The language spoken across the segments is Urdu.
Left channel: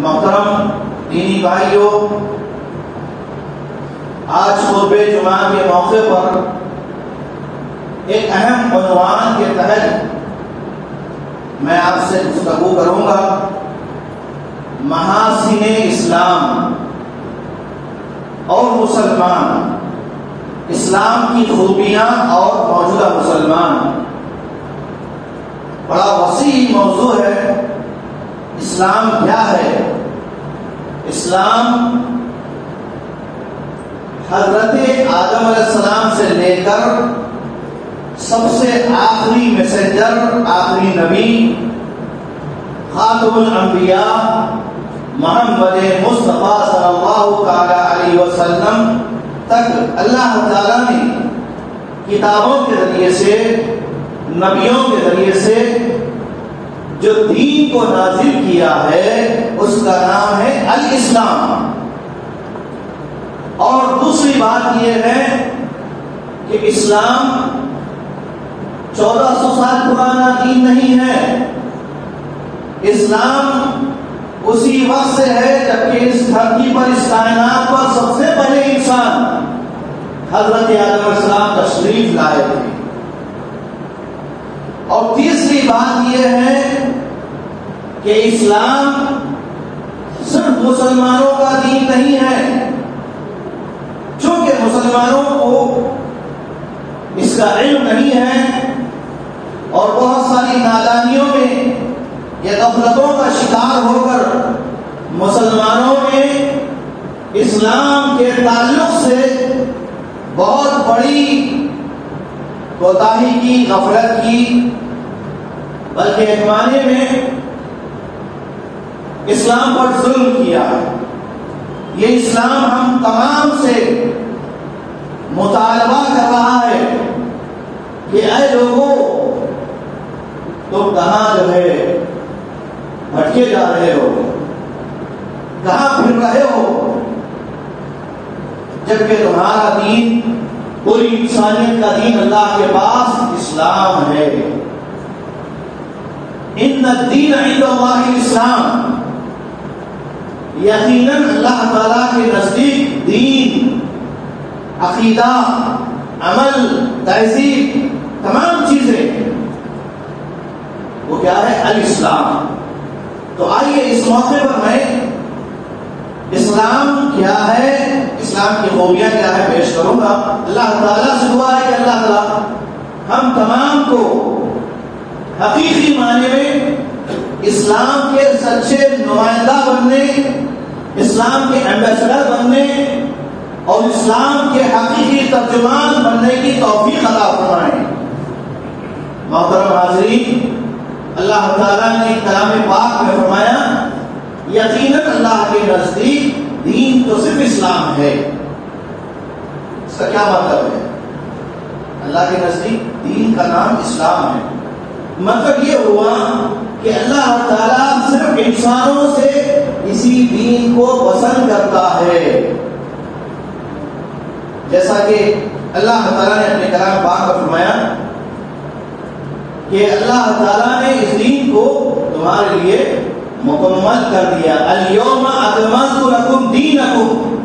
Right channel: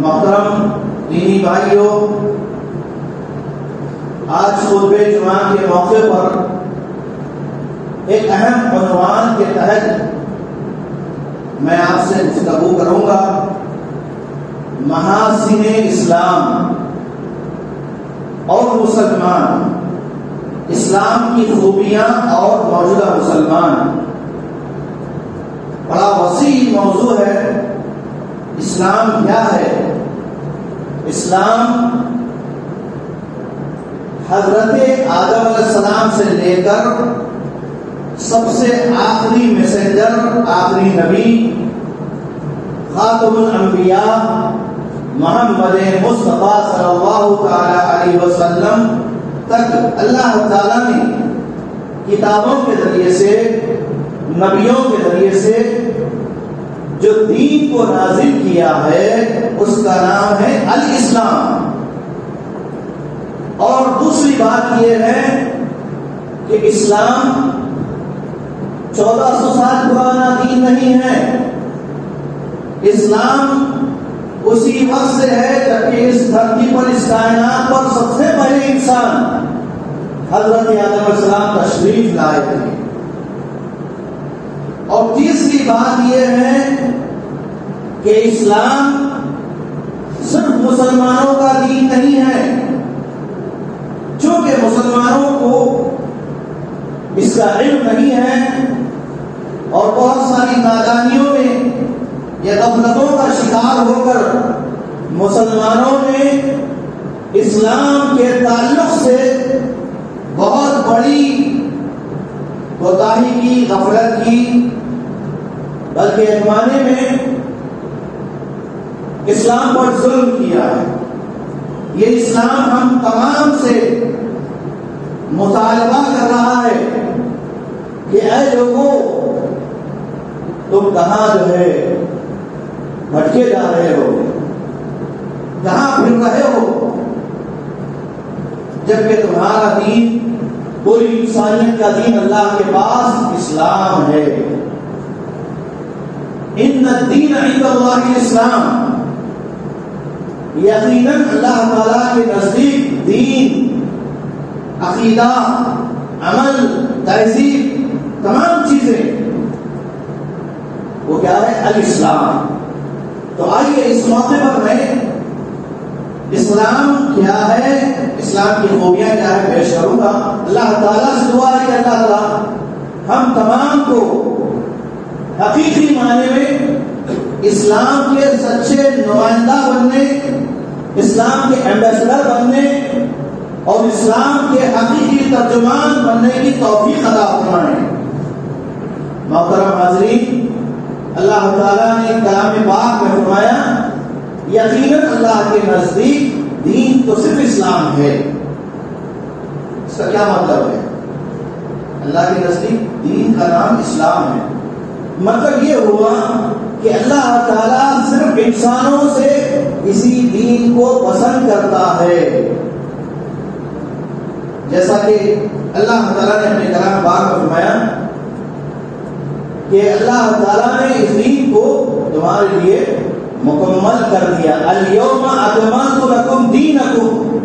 محترم دینی بھائیوں، آج خطبہ جمعہ کے موقع پر ایک اہم عنوان کے تحت میں آپ سے گفتگو کروں گا، محاسن اسلام اور مسلمان، اسلام کی خوبیاں اور موجودہ مسلمان۔ بڑا وسیع موضوع ہے۔ اسلام کیا ہے؟ اسلام حضرت آدم علیہ السلام سے لے کر سب سے آخری میسنجر، آخری نبی، خاتم الانبیاء محمد مصطفیٰ صلی اللہ تعالی علیہ وسلم تک اللہ تعالیٰ نے کتابوں کے ذریعے سے، نبیوں کے ذریعے سے جو دین کو نازل کیا ہے اس کا نام ہے الاسلام۔ اور دوسری بات یہ ہے کہ اسلام 1400 سال پرانا دین نہیں ہے۔ اسلام اسی وقت سے ہے جبکہ اس دھرتی پر، اس کائنات پر سب سے پہلے انسان حضرت آدم علیہ السلام تشریف لائے تھے۔ اور تیسری بات یہ ہے کہ اسلام صرف مسلمانوں کا دین نہیں ہے، چونکہ مسلمانوں کو اس کا علم نہیں ہے اور بہت ساری نادانیوں میں یا غفلتوں کا شکار ہو کر مسلمانوں میں اسلام کے تعلق سے بہت بڑی کوتاہی کی، غفلت کی، بلکہ ایک معنی میں اسلام پر ظلم کیا ہے۔ یہ اسلام ہم تمام سے مطالبہ کر رہا ہے کہ اے لوگوں، تم کہاں جو ہے بھٹکے جا رہے ہو، کہاں پھر رہے ہو، جبکہ تمہارا دین، پوری انسانیت کا دین اللہ کے پاس اسلام ہے۔ ان الدین عند اللہ الاسلام، یقیناً اللہ تعالیٰ کے نزدیک دین، عقیدہ، عمل، تہذیب، تمام چیزیں وہ کیا ہے؟ الاسلام۔ تو آئیے اس موقع پر میں اسلام کیا ہے، اسلام کی خوبیاں کیا ہے پیش کروں گا۔ اللہ تعالیٰ سے دعا ہے کہ اللہ تعالیٰ ہم تمام کو حقیقی معنی میں اسلام کے سچے نمائندہ بننے، اسلام کے ایمبیسڈر بننے اور اسلام کے حقیقی ترجمان بننے کی توفیق عطا فرمائے۔ محترم حاضرین، اللہ تعالیٰ نے کلام پاک میں فرمایا یقیناً اللہ کے نزدیک دین تو صرف اسلام ہے۔ اس کا کیا مطلب ہے؟ اللہ کے نزدیک دین کا نام اسلام ہے، مطلب یہ ہوا کہ اللہ تعالیٰ صرف انسانوں سے اسی دین کو پسند کرتا ہے۔ جیسا کہ اللہ تعالیٰ نے اپنے کلام پاک میں فرمایا کہ اللہ تعالیٰ نے اس دین کو تمہارے لیے مکمل کر دیا۔ الیوم اکملت لکم دینکم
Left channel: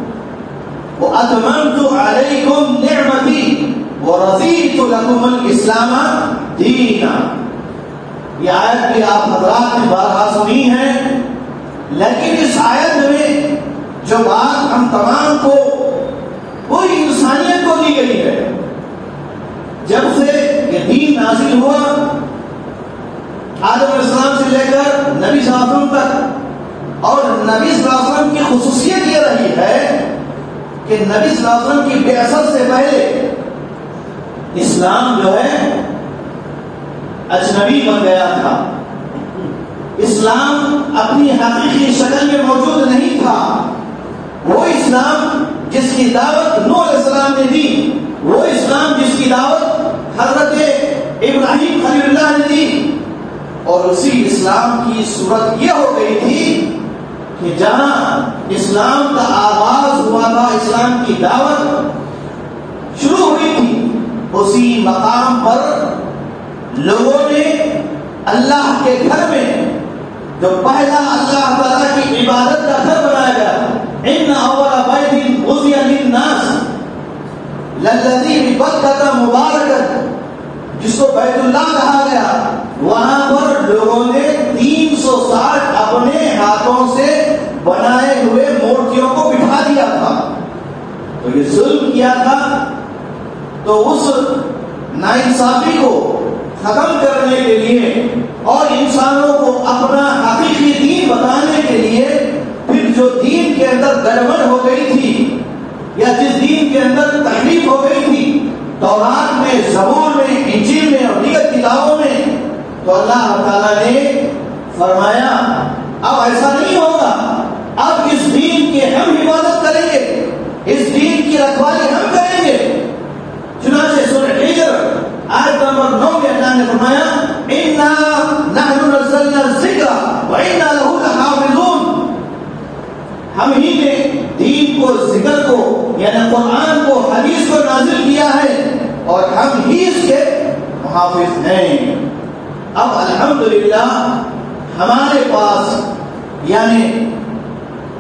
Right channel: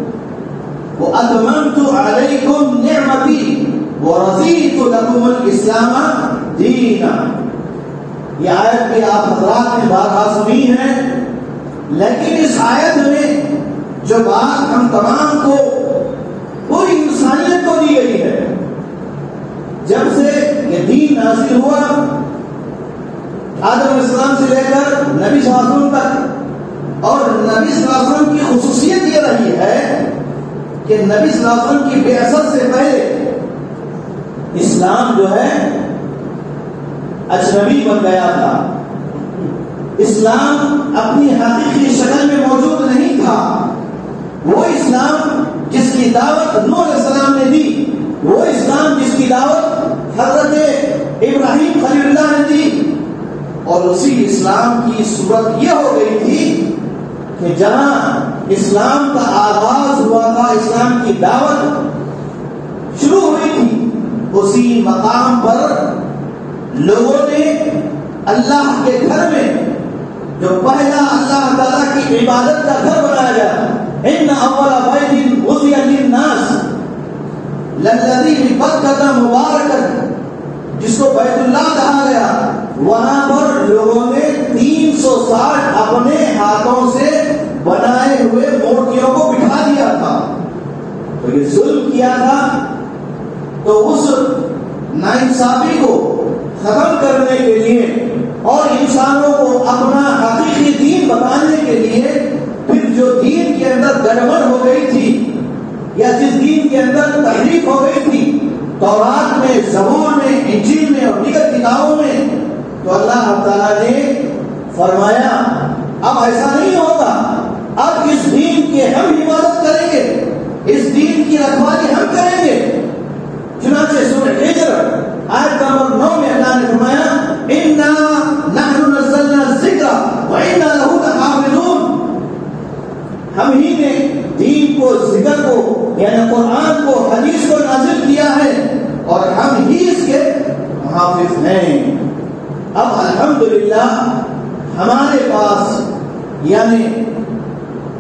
واتممت علیکم نعمتی ورضیت لکم الاسلام دینا۔ یہ آیت بھی آپ حضرات نے بارہا سنی ہے، لیکن اس آیت میں جو بات ہم تمام کو، پوری انسانیت کو دی گئی ہے، جب سے یہ دین نازل ہوا آدم علیہ السلام سے لے کر نبی صلی اللہ علیہ وسلم تک، اور نبی صلی اللہ علیہ وسلم کی خصوصیت یہ رہی ہے کہ نبی صلی اللہ علیہ وسلم کی بعثت سے پہلے اسلام جو ہے اجنبی بن گیا تھا۔ اسلام اپنی حقیقی شکل میں موجود نہیں تھا۔ وہ اسلام جس کی دعوت نوح علیہ السلام نے دی، وہ اسلام جس کی دعوت حضرت ابراہیم خلیل اللہ نے دی، اور اسی اسلام کی صورت یہ ہو گئی تھی کہ جہاں اسلام کا آغاز ہوا تھا، اسلام کی دعوت شروع ہوئی تھی، اسی مقام پر لوگوں نے اللہ کے گھر میں جو پہلا اللہ تعالیٰ کی عبادت للذی ببکۃ مبارکا، جس کو بیت اللہ کہا گیا، وہاں پر لوگوں نے 360 اپنے ہاتھوں سے بنائے ہوئے مورتیوں کو بٹھا دیا تھا. تو یہ ظلم کیا تھا. تو اس ناانصافی کو ختم کرنے کے لیے اور انسانوں کو اپنا حقیقی دین بتانے کے لیے پھر جو دین کے اندر گڑبڑ ہو گئی تھی یا جس دین کے اندر تحریف ہو گئی تھی تورات میں، زبور میں، انجیل میں اور دیگر کتابوں میں، تو اللہ تعالیٰ نے فرمایا اب ایسا نہیں ہوگا. اب اس دین کے ہم حفاظت کریں گے، اس دین کی رکھوالی ہم کریں گے. چنانچہ سورہ ہجر آیت نمبر 9 میں اللہ نے فرمایا اِنَّا نَحْنُ نَزَّلْنَا الذِّكْرَ وَإِنَّا لَهُ لَحَافِظُونَ. ہم ہی نے دین کو، ذکر کو، یعنی قرآن کو، حدیث کو نازل کیا ہے اور ہم ہی اس کے محافظ ہیں. اب الحمدللہ ہمارے پاس یعنی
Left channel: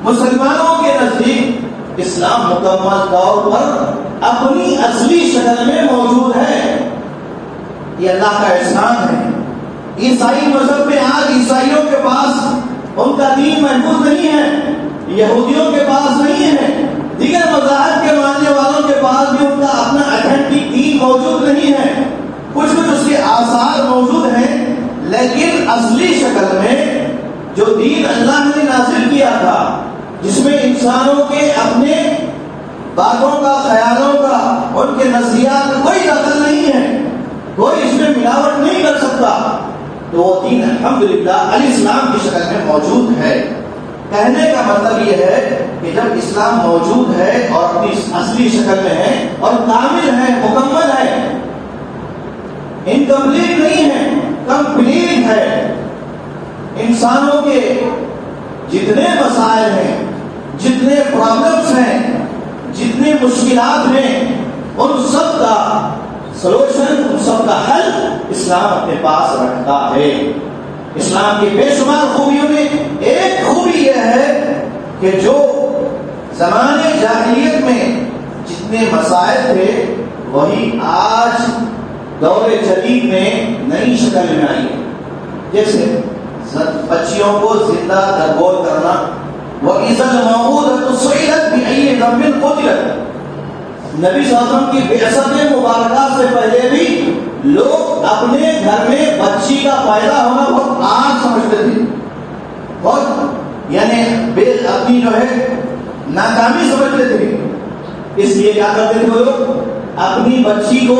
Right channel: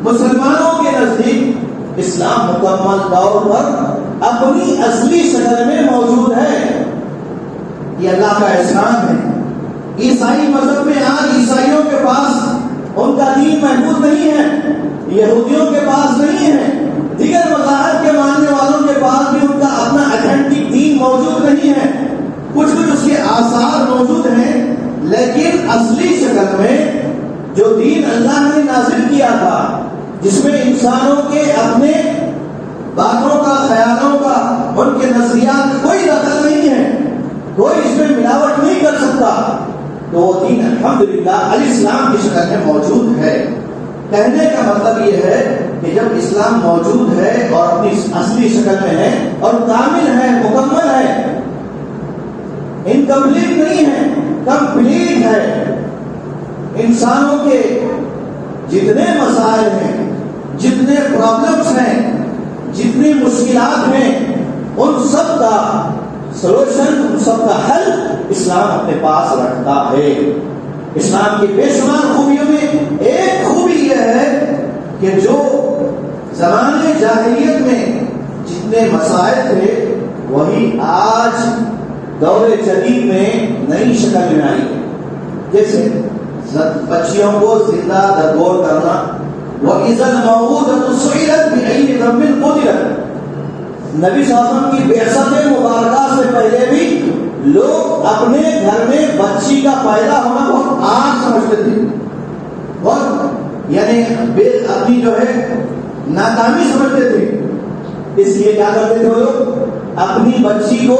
مسلمانوں کے نزدیک اسلام مکمل طور پر اپنی اصلی شکل میں موجود ہے. یہ اللہ کا احسان ہے. عیسائی مذہب میں آج عیسائیوں کے پاس ان کا دین محفوظ نہیں ہے، یہودیوں کے پاس نہیں ہے، دیگر مذاہب کے ماننے والوں کے پاس بھی ان کا اپنا اتھینٹک دین موجود نہیں ہے. کچھ اس کے آثار موجود ہیں، لیکن اصلی شکل میں جو دین اللہ نے نازل کیا تھا، جس میں انسانوں کے اپنے باتوں کا، خیالوں کا، ان کے نظریات کا کوئی دخل نہیں ہے، کوئی اس میں ملاوٹ نہیں کر سکتا، تو وہ دین الحمدللہ الاسلام کی شکل میں موجود ہے. کہنے کا مطلب یہ ہے کہ جب اسلام موجود ہے اور اپنی اصلی شکل میں ہے اور کامل ہے، مکمل ہے، انکمپلیٹ نہیں ہے، کمپلیٹ ہے. انسانوں کے جتنے مسائل ہیں، جتنے پرابلمس ہیں، جتنی مشکلات ہیں، ان سب کا سلوشن، ان سب کا حل اسلام اپنے پاس رکھتا ہے. اسلام کی بے شمار خوبیوں میں ایک خوبی یہ ہے کہ جو زمانے جاہلیت میں جتنے مسائل تھے وہی آج دور جدید میں نئی شکل میں آئی ہے. جیسے بچیوں کو زندہ درگور کرنا، وَإِذَا الْمَوْءُودَةُ سُئِلَتْ بِأَيِّ ذَنبٍ قُتِلَتْ. نبی صلی اللہ علیہ وسلم کی بعثت مبارکہ سے پہلے بھی لوگ اپنے گھر میں بچی کا پیدا ہونا بہت عام سمجھتے تھے، اور یعنی اپنی جو ہے ناکامی سمجھتے تھے. اس لیے کیا کرتے تھے لوگ؟ اپنی بچی کو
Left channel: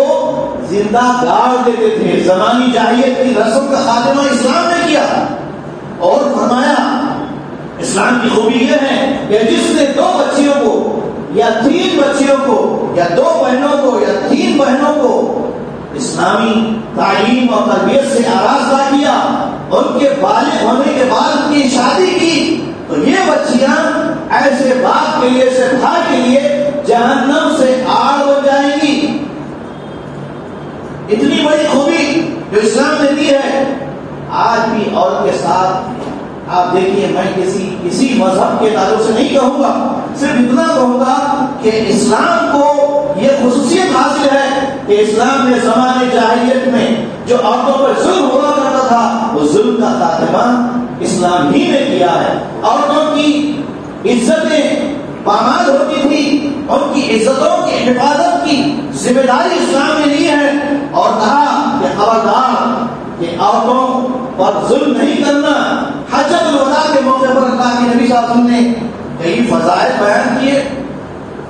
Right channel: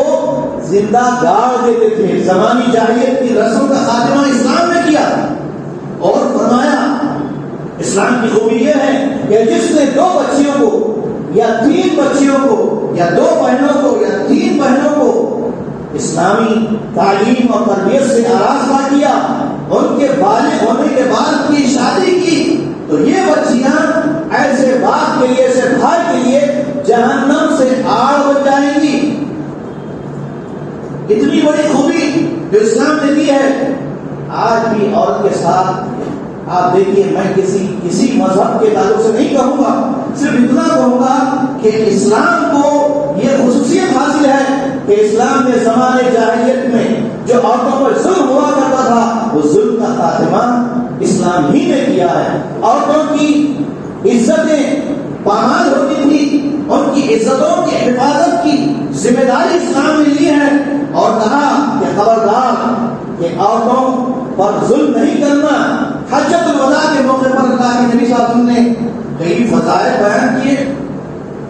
زندہ گاڑ دیتے تھے. زمانی جاہلیت کی رسم کا خاتمہ اسلام نے کیا اور فرمایا اسلام کی خوبی یہ ہے کہ جس نے 2 بچیوں کو یا 3 بچیوں کو یا 2 بہنوں کو یا 3 بہنوں کو اسلامی تعلیم اور تربیت سے آراستہ کیا، ان کے بالغ ہونے کے بعد ان کی شادی کی، تو یہ بچیاں ایسے باپ کے لیے، ایسے بھائی کے لیے جہنم سے آڑ بن جائیں گی. اتنی بڑی خوبی جو اسلام نے دی ہے. آج بھی عورت کے ساتھ آپ دیکھیے، میں کسی مذہب کے تعلق سے نہیں کہوں گا، صرف اتنا کہوں گا کہ اسلام کو یہ خصوصیت حاصل ہے کہ اسلام نے زمانے جاہلیت میں جو عورتوں پر ظلم ہوا کرتا تھا، وہ ظلم کا خاتمہ اسلام ہی نے کیا ہے. عورتوں کی عزتیں پامال ہوتی تھی، ان کی عزتوں کی حفاظت کی ذمہ داری اسلام نے لی ہے اور کہا کہ خبردار کہ عورتوں پر ظلم نہیں کرنا. حجۃ الوداع کے موقع پر اللہ کے نبی صلی اللہ علیہ وسلم نے کئی فضائل بیان کیے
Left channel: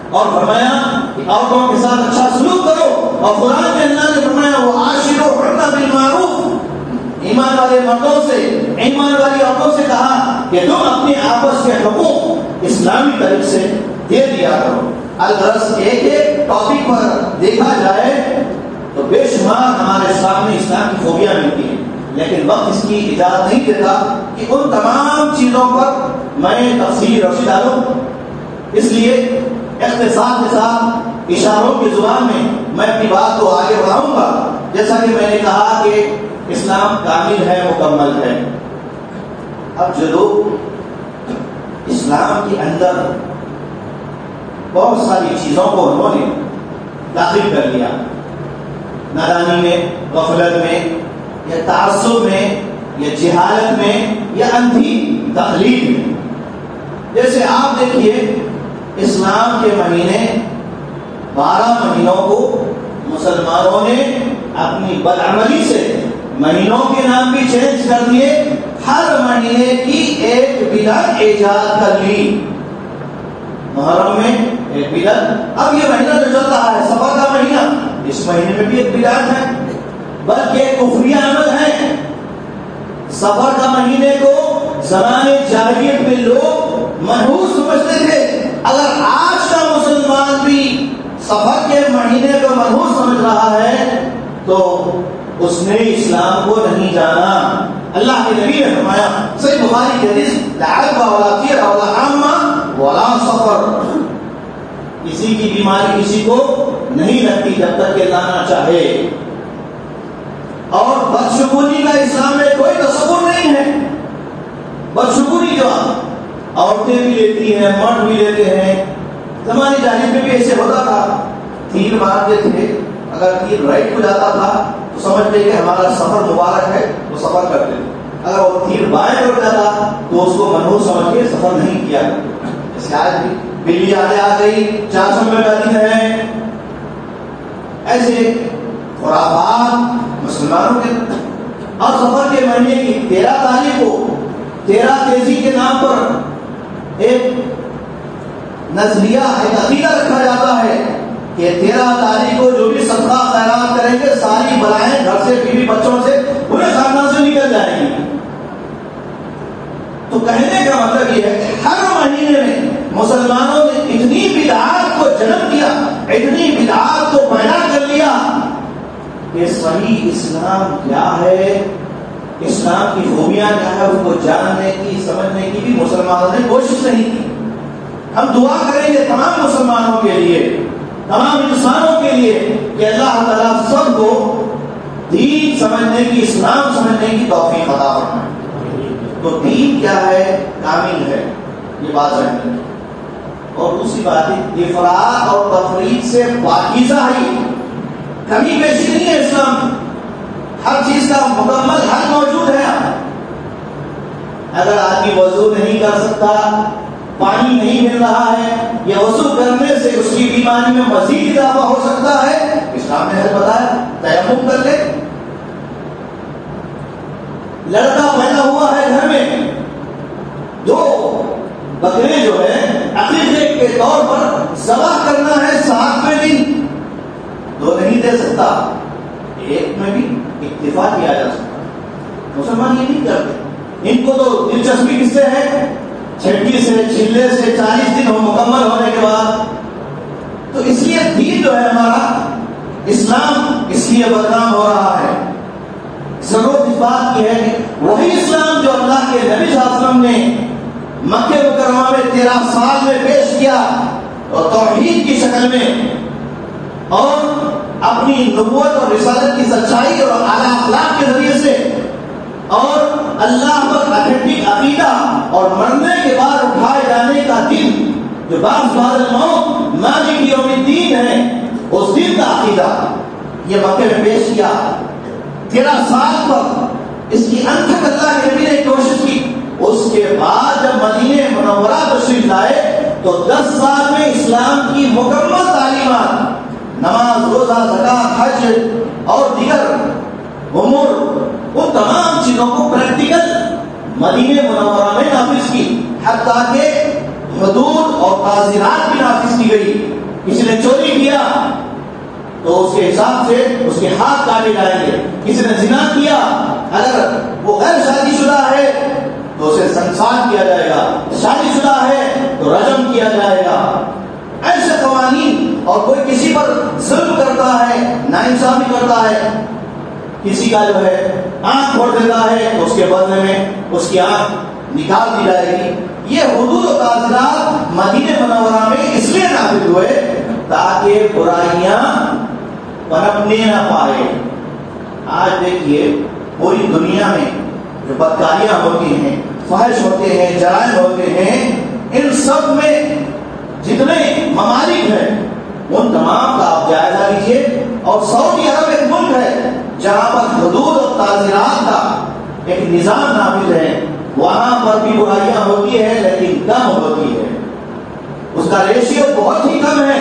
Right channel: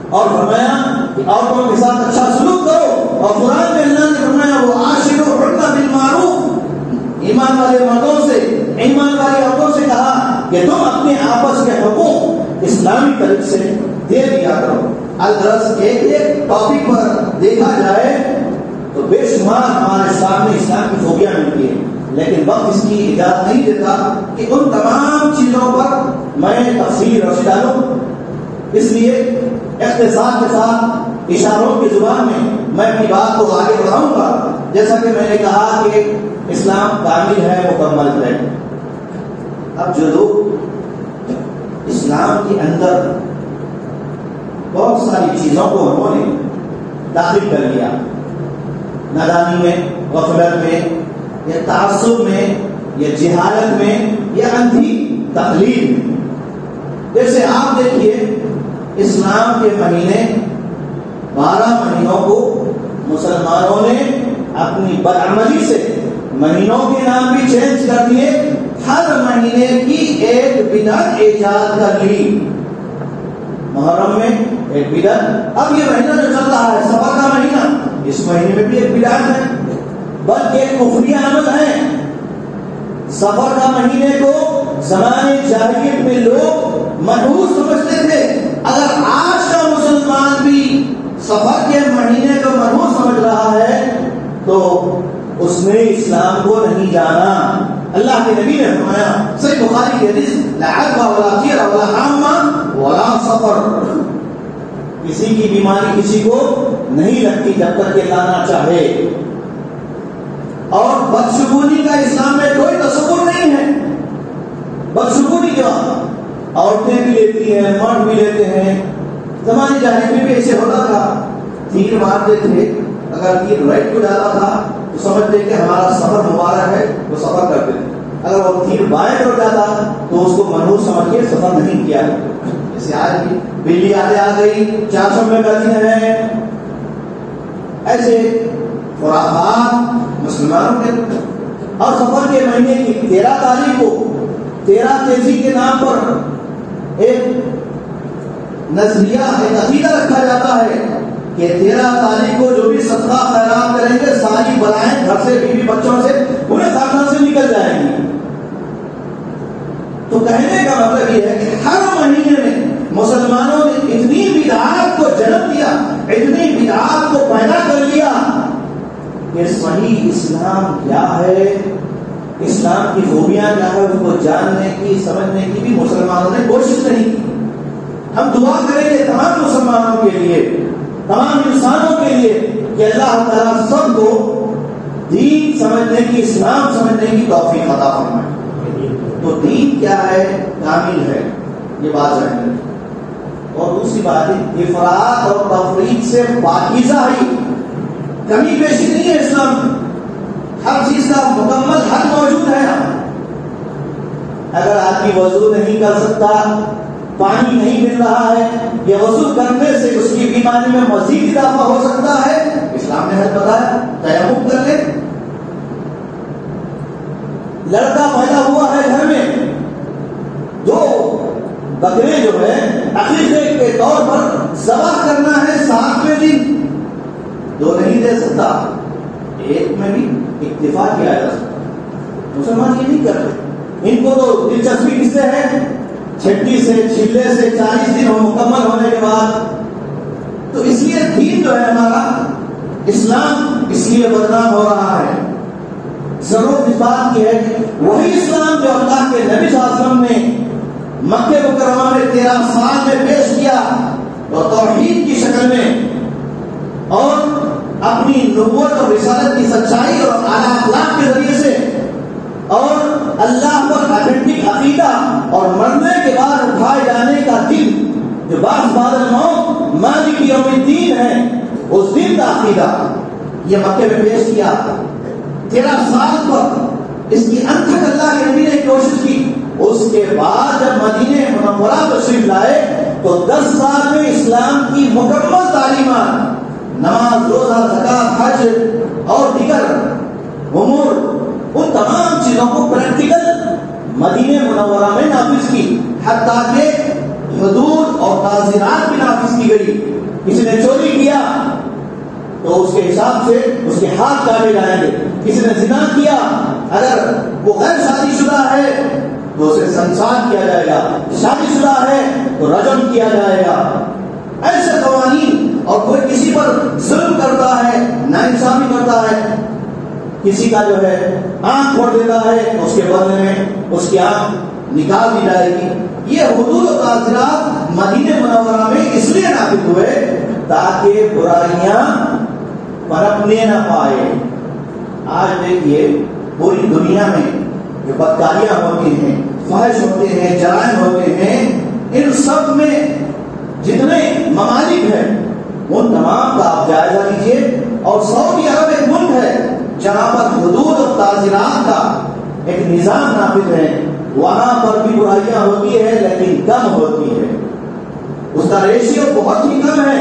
اور فرمایا کہ عورتوں کے ساتھ اچھا سلوک کرو، اور قرآن میں اللہ نے فرمایا وَعَاشِرُوهُنَّ بِالْمَعْرُوفِ. ایمان والے مردوں سے، ایمان والی عورتوں سے کہا کہ تم اپنے آپس کے حقوق اسلامی طریق سے دے دیا کرو. الغرض ایک ٹاپک پر دیکھا جائے تو بے شمار ہمارے سامنے اسلام کی خوبیاں ملتی ہیں، لیکن وقت اس کی اجازت نہیں دیتا کہ ان تمام چیزوں پر میں تفصیل روشنی ڈالوں. اس لیے اختصار کے ساتھ اشاروں کی زبان میں اپنی بات کو آگے بڑھاؤں گا. جیسا کہ میں نے کہا کہ اسلام کامل ہے، مکمل ہے. اب جو لوگ اسلام کے اندر بہت ساری چیزوں کو انہوں نے داخل کر لیا، نادانی میں، غفلت میں، یا تعصب میں، یا جہالت میں، یا اندھی تقلید میں۔ جیسے آپ دیکھیے اسلام کے مہینے 12 مہینوں کو مسلمانوں نے اپنی بدعملی سے مہینوں کے نام بھی چینج کر دیے، ہر مہینے کی ایک بدعت ایجاد کر لی۔ محرم میں ایک بدعت، اب یہ مہینہ جو چل رہا ہے سفر کا مہینہ، اس مہینے میں بھی ایک بدعت ہے، بلکہ ایک کفریہ عمل ہے۔ سفر کا مہینے کو زمانے جاہلیت میں لوگ منحوس سمجھتے تھے، اگر آج کا مسلمان بھی سفر کے مہینے کو منحوس سمجھ رہا ہے تو اس نے اسلام کو نہیں جانا۔ اللہ کے نبی نے فرمایا صحیح بخاری کی حدیث، لا عدوى ولا طير ولا حامہ ولا سفر، کسی کی بیماری کسی کو نہیں لگتی جب تک کہ لانا چاہے، اور بدشگونی کا اسلام میں کوئی تصور نہیں ہے۔ بدشگونی جو عورتیں بھی لیتی ہیں، مرد بھی لیتے ہیں، زمانے جاہلیت میں بھی ایسے ہوتا تھا، تیر مارتے تھے، اگر تیر رائٹ کو جاتا تھا تو سمجھتے کہ ہمارا سفر مبارک ہے، وہ سفر کرتے تھے، اگر وہ تیر بائیں کو جاتا تو اس کو منحوس سمجھ کے سفر نہیں کیا۔ جیسے آج بھی بلی آتے آ گئی، 400 میں دن ہے، ایسے خرافات مسلمانوں کے۔ اور سفر کے مہینے کی 13 تاریخ کو 13 تیزی کے نام پر ایک نظریہ، ایک عقیدہ رکھا جاتا ہے کہ 13 تاریخ کو جو بھی صدقہ خیرات کریں گے ساری بلائیں گھر سے، بیوی بچوں سے، انہیں خاندان سے نکل جائیں گی۔ تو کہنے کا مطلب یہ ہے کہ ہر مہینے میں مسلمانوں نے اتنی بدعات کو جنم دیا، اتنی بدعات کو پیدا کر لیا کہ صحیح اسلام کیا ہے، اسلام کی خوبیاں کیا ہے، اس کو جاننے کی، سمجھنے کی بھی مسلمانوں نے کوشش نہیں کی۔ ہم دعا کریں گے تمام مسلمانوں کے لیے، تمام انسانوں کے لیے کہ اللہ تعالیٰ سب کو دین سمجھنے کی، اسلام سمجھنے کی توفیق عطا فرمائے۔ تو دین کیا ہے؟ کامل ہے، یہ بات سمجھنے کی۔ اور دوسری بات افراط اور تفریط سے پاکیزہ ہے، کمی بیشی نہیں ہے اسلام، ہر چیز کا مکمل حل موجود ہے۔ اگر آدمی وضو نہیں کر سکتا، پانی نہیں مل رہا ہے، یا وضو کرنے سے اس کی بیماری میں مزید اضافہ ہو سکتا ہے، اسلام نے حل بتایا، تیمم کر لے۔ لڑکا پیدا ہوا ہے گھر میں، دو بکرے جو ہے عقیقے کے طور پر ذبح کرنا ہے 7ویں دن، دو نہیں دے سکتا، ایک میں بھی اکتفا کیا جا سکتا۔ مسلمان یہ نہیں کرتے، ان کو تو دلچسپی کس سے ہے؟ چھٹی سے، چھلے سے 40 دن مکمل ہونے کے بعد۔ تو اس لیے دین جو ہے ہمارا اسلام اس لیے بدنام ہو رہا ہے۔ ضرورت اس بات کی ہے کہ وہی اسلام جو اللہ کے نبی صلی اللہ علیہ وسلم نے مکہ مکرمہ میں 13 سال میں پیش کیا، اور توحید کی شکل میں، اور اپنی نبوت اور رسالت کی سچائی اور اعلیٰ اخلاق کے ذریعے سے، اور اللہ پر اتھینٹک عقیدہ، اور مرنے کے بعد اٹھائے جانے کا دن جو بعد الموت مالک یوم الدین ہے، اس دن کا عقیدہ یہ مکے میں پیش کیا۔ 13 سال پر اس کی انت تک اللہ کے نبی نے کوشش کی۔ اس کے بعد جب مدینہ منورہ تشریف لائے تو 10 سال میں اسلام کی مکمل تعلیمات، نماز، روزہ، زکات، حج اور دیگر امور، ان تمام چیزوں کو پریکٹیکل مدینہ منورہ میں نافذ کی، حتیٰ کہ حدود اور تعزیرات بھی نافذ کی گئی۔ کسی نے چوری کیا تو اس کے حساب سے اس کے ہاتھ کاٹے جائیں گے، کسی نے زنا کیا اگر وہ غیر شادی شدہ ہے تو اسے سنسار کیا جائے گا، شادی شدہ ہے تو رجم کیا جائے گا۔ ایسے قوانین، اور کوئی کسی پر ظلم کرتا ہے، ناانصافی کرتا ہے، کسی کا جو ہے آنکھ پھوڑ دیتا ہے تو اس کے بدلے میں اس کی آنکھ نکال دی جائے گی۔ یہ حدود و تعزیرات مدینہ منورہ میں اس لیے نافذ ہوئے تاکہ برائیاں پنپنے نہ پائے۔ آج دیکھیے پوری دنیا میں جو بدکاریاں ہوتی ہیں، فحش ہوتے ہیں، جرائم ہوتے ہیں، ان سب میں جتنے ممالک ہیں ان تمام کا آپ جائزہ جہاں پر حدود اور تعزیرات کا ایک نظام نافذ ہے، وہاں پر بھی برائیاں ہوتی ہے لیکن کم ہوتی ہے، اس کا ریشیو بہت ہی کم ہے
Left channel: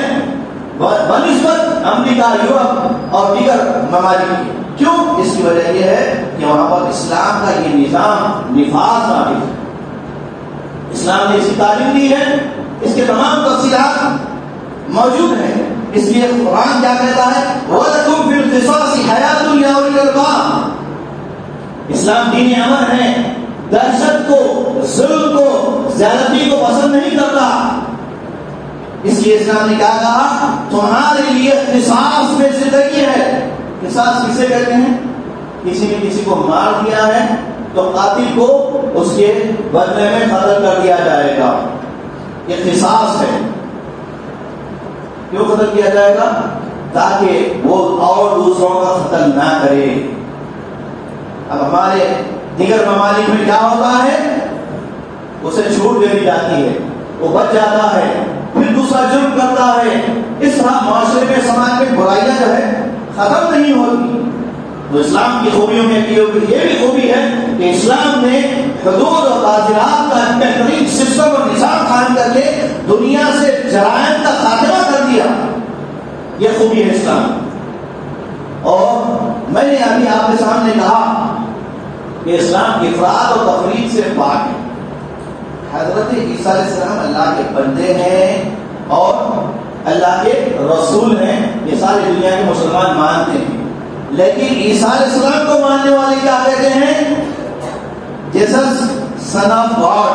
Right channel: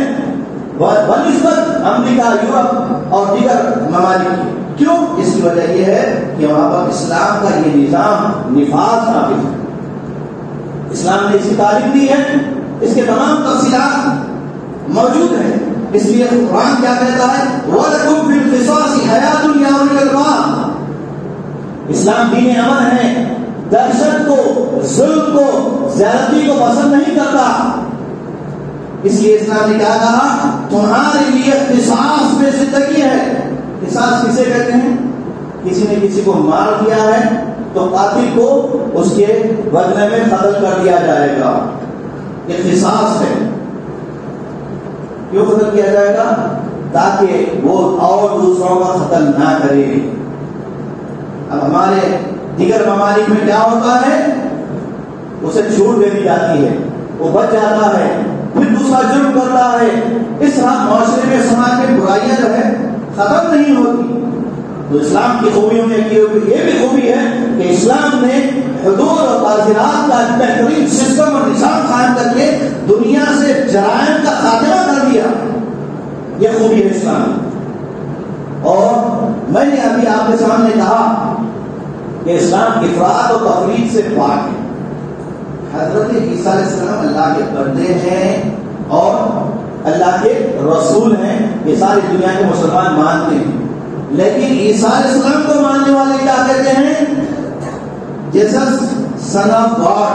بنسبت امریکہ، یورپ اور دیگر ممالک کی۔ کیوں؟ اس کی وجہ یہ ہے کہ وہاں پر اسلام کا یہ نظام نفاذ نافذ ہے، اسلام نے اس کی تعلیم دی ہے، اس کے تمام تفصیلات موجود ہیں۔ اس لیے قرآن کیا کہتا ہے؟ وَلَكُمْ فِي الْقِصَاصِ حَيَاةٌ يَا أُولِي الْأَلْبَابِ۔ اسلام دین امن ہے، دہشت کو، ظلم کو، زیادتی کو پسند نہیں کرتا۔ اس لیے اسلام نے کیا کہا؟ تمہارے لیے قصاص میں زندگی ہے۔ قصاص کسے کہتے ہیں؟ کسی نے کسی کو مار دیا ہے تو قاتل کو اس کے بدلے میں قتل کر دیا جائے گا، یہ قصاص ہے۔ کیوں قتل کیا جائے گا؟ تاکہ وہ اور دوسروں کا قتل نہ کرے۔ اب ہمارے دیگر ممالک میں کیا ہوتا ہے؟ اسے چھوٹ دے دی جاتی ہے، وہ بچ جاتا ہے، پھر دوسرا جرم کرتا ہے۔ اس طرح معاشرے میں، سماج میں برائیاں جو ہے ختم نہیں ہوتی۔ تو اسلام کی خوبیوں میں یہ بھی خوبی ہے کہ اسلام نے حدود اور تعزیرات کا بہترین سسٹم اور نظام قائم کر کے دنیا سے جرائم کا خاتمہ کر دیا، یہ خوبی ہے اسلام۔ اور میں نے ابھی آپ کے سامنے کہا کہ اسلام افراط و تفریط سے پاک ہے۔ حضرت عیسیٰ علیہ السلام اللہ کے بندے ہیں اور اللہ کے رسول ہیں، یہ ساری دنیا کے مسلمان مانتے ہیں، لیکن عیسیٰ علیہ السلام کو ماننے والے کیا کہتے ہیں؟ جیسس سن آف گاڈ،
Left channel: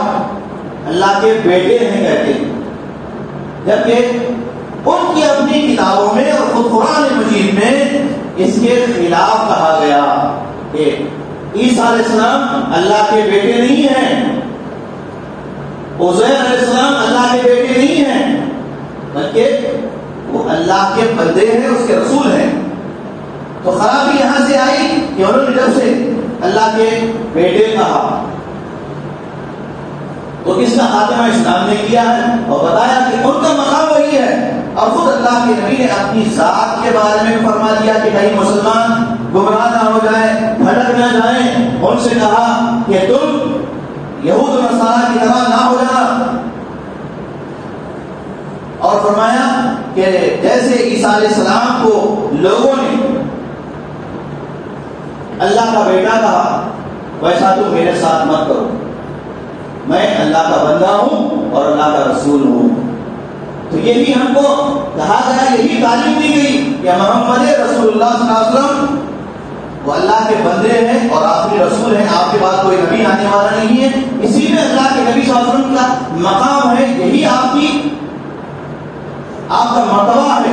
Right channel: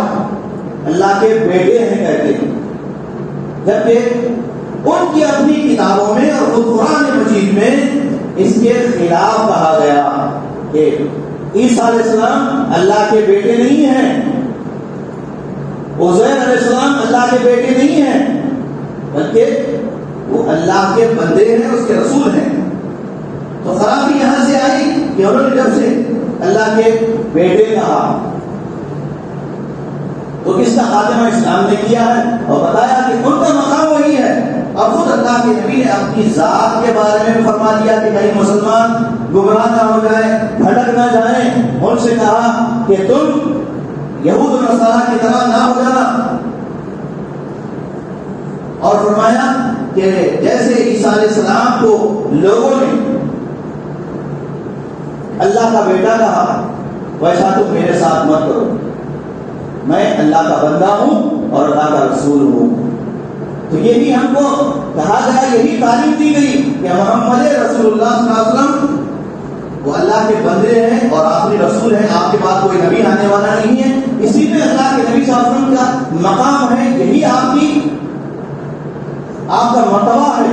اللہ کے بیٹے ہیں کہتے ہیں، جبکہ ان کی اپنی کتابوں میں اور خود قرآن مجید میں اس کے خلاف کہا گیا کہ عیسیٰ علیہ السلام اللہ کے بیٹے نہیں ہیں، عزیر علیہ السلام اللہ کے بیٹے نہیں ہیں، بلکہ وہ اللہ کے بندے ہیں، اس کے رسول ہیں۔ تو خرابی یہاں سے آئی کہ انہوں نے جب سے اللہ کے بیٹے کہا تو اس کا خاتمہ اسلام نے کیا ہے اور بتایا کہ ان کا مقام وہی ہے۔ اور خود اللہ کے نبی نے اپنی ذات کے بارے میں فرما دیا کہ کہیں مسلمان گمراہ نہ ہو جائیں، بھٹک نہ جائیں، ان سے کہا کہ تم یہود و نصارہ کی طرح نہ ہو جانا، اور فرمایا کہ جیسے عیسیٰ علیہ السلام کو لوگوں نے اللہ کا بیٹا کہا، ویسا تم میرے ساتھ مت کرو، میں اللہ کا بندہ ہوں اور اللہ کا رسول ہوں۔ تو یہی ہم کو کہا گیا، یہی تعلیم دی گئی کہ محمد رسول اللہ صلی اللہ علیہ وسلم وہ اللہ کے بندے ہیں اور آخری رسول ہیں، آپ کے بعد کوئی نبی آنے والا نہیں ہے۔ اسی میں اللہ کے نبی صلی اللہ علیہ وسلم کا مقام ہے، یہی آپ کا مرتبہ ہے،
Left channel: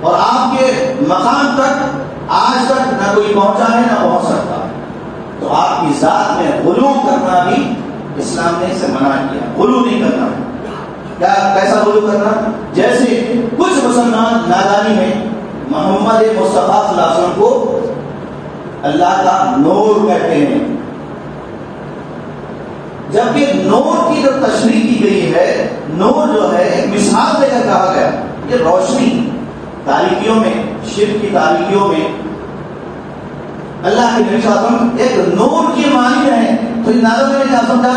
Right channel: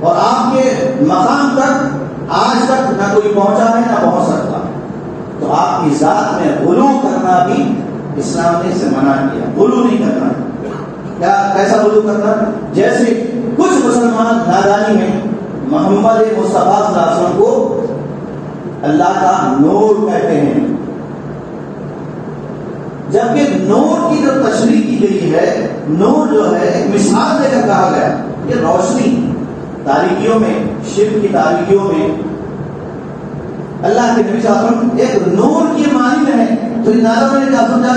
اور آپ کے مقام تک آج تک نہ کوئی پہنچا ہے نہ پہنچ سکتا۔ تو آپ کی ذات میں غلو کرنا بھی اسلام نے اسے منع کیا، غلو نہیں کرنا۔ کیا کیسا غلو کرنا؟ جیسے کچھ مسلمان نادانی میں محمد مصطفیٰ صلی اللہ علیہ وسلم کو اللہ کا نور کہتے ہیں، جبکہ نور کی جو تشریح کی گئی ہے، نور جو ہے ایک مثال دے کر کہا گیا، یہ روشنی تاریکیوں میں، شرک کی تاریکیوں میں اللہ کے نبی صلی اللہ علیہ وسلم ایک نور کی مانند ہے۔ تو نادر نے کیا سمجھا؟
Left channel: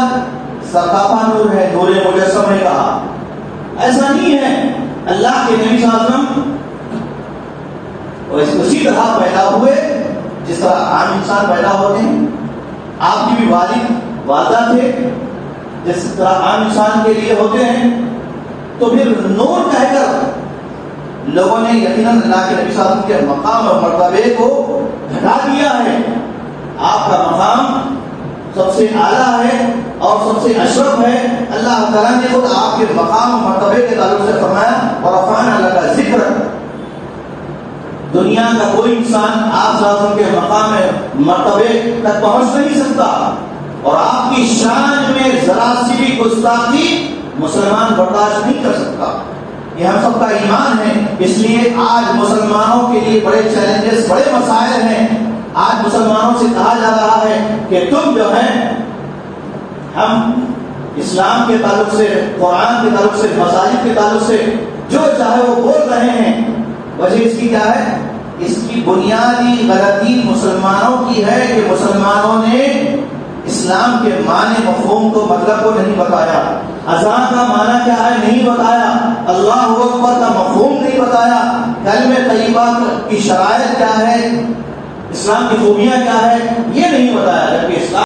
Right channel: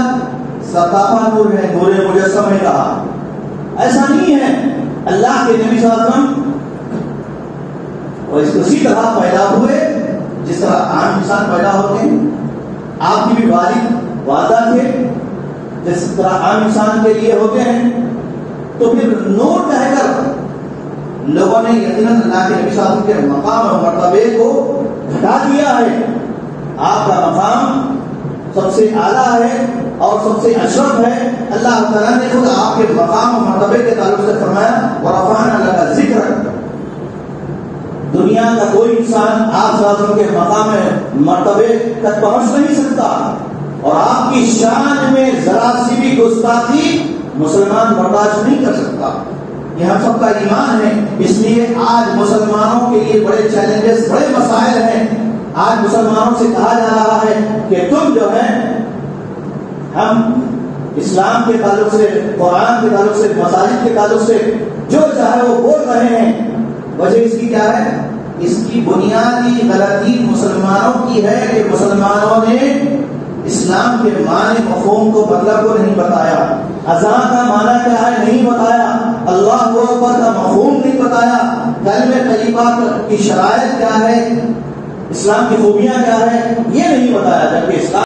سرکاپا نور ہے، نور مجسم نے کہا، ایسا نہیں ہے۔ اللہ کے نبی صلی اللہ علیہ وسلم اسی طرح پیدا ہوئے جس طرح عام انسان پیدا ہوتے ہیں، آپ کی بھی والد والدہ تھے جس طرح عام انسان کے لیے ہوتے ہیں۔ تو پھر نور کہہ کر لوگوں نے یقیناً اللہ کے نبی صلی اللہ علیہ وسلم کے مقام اور مرتبے کو گھٹا دیا ہے۔ آپ کا مقام سب سے اعلیٰ ہے اور سب سے اشرف ہے۔ اللہ تعالیٰ نے خود آپ کے مقام اور مرتبے کے تعلق سے فرمایا، اور رفعنا لک ذکرک، دنیا کا کوئی انسان آپ صلی اللہ علیہ وسلم کے مقام میں مرتبے تک پہنچ نہیں سکتا، اور آپ کی شان میں ذرا سی بھی گستاخی مسلمان برداشت نہیں کر سکتا۔ یہ ہم سب کا ایمان ہے۔ اس لیے آج مسلمانوں کے لیے بڑے چیلنجز، بڑے مسائل ہیں۔ آج مسلمانوں سے کہا جا رہا ہے کہ تم جو ہے، ہم اسلام کے تعلق سے، قرآن کے تعلق سے، مساجد کے تعلق سے جو چاہے وہ بول رہے ہیں، وجہ اس کی کیا ہے؟ اس کی بنیادی غلطی مسلمانوں کی ہے کہ مسلمانوں نے اسلام کے معنی مفہوم کو مطلب کو نہیں بتایا، اذان کا معنی کیا ہے نہیں بتایا، اللہ اکبر کا مفہوم نہیں بتایا، کلمہ طیبہ کی شرائط کیا ہے، اسلام کی خوبیاں کیا ہے، یہ نہیں بتایا، جبکہ اسلام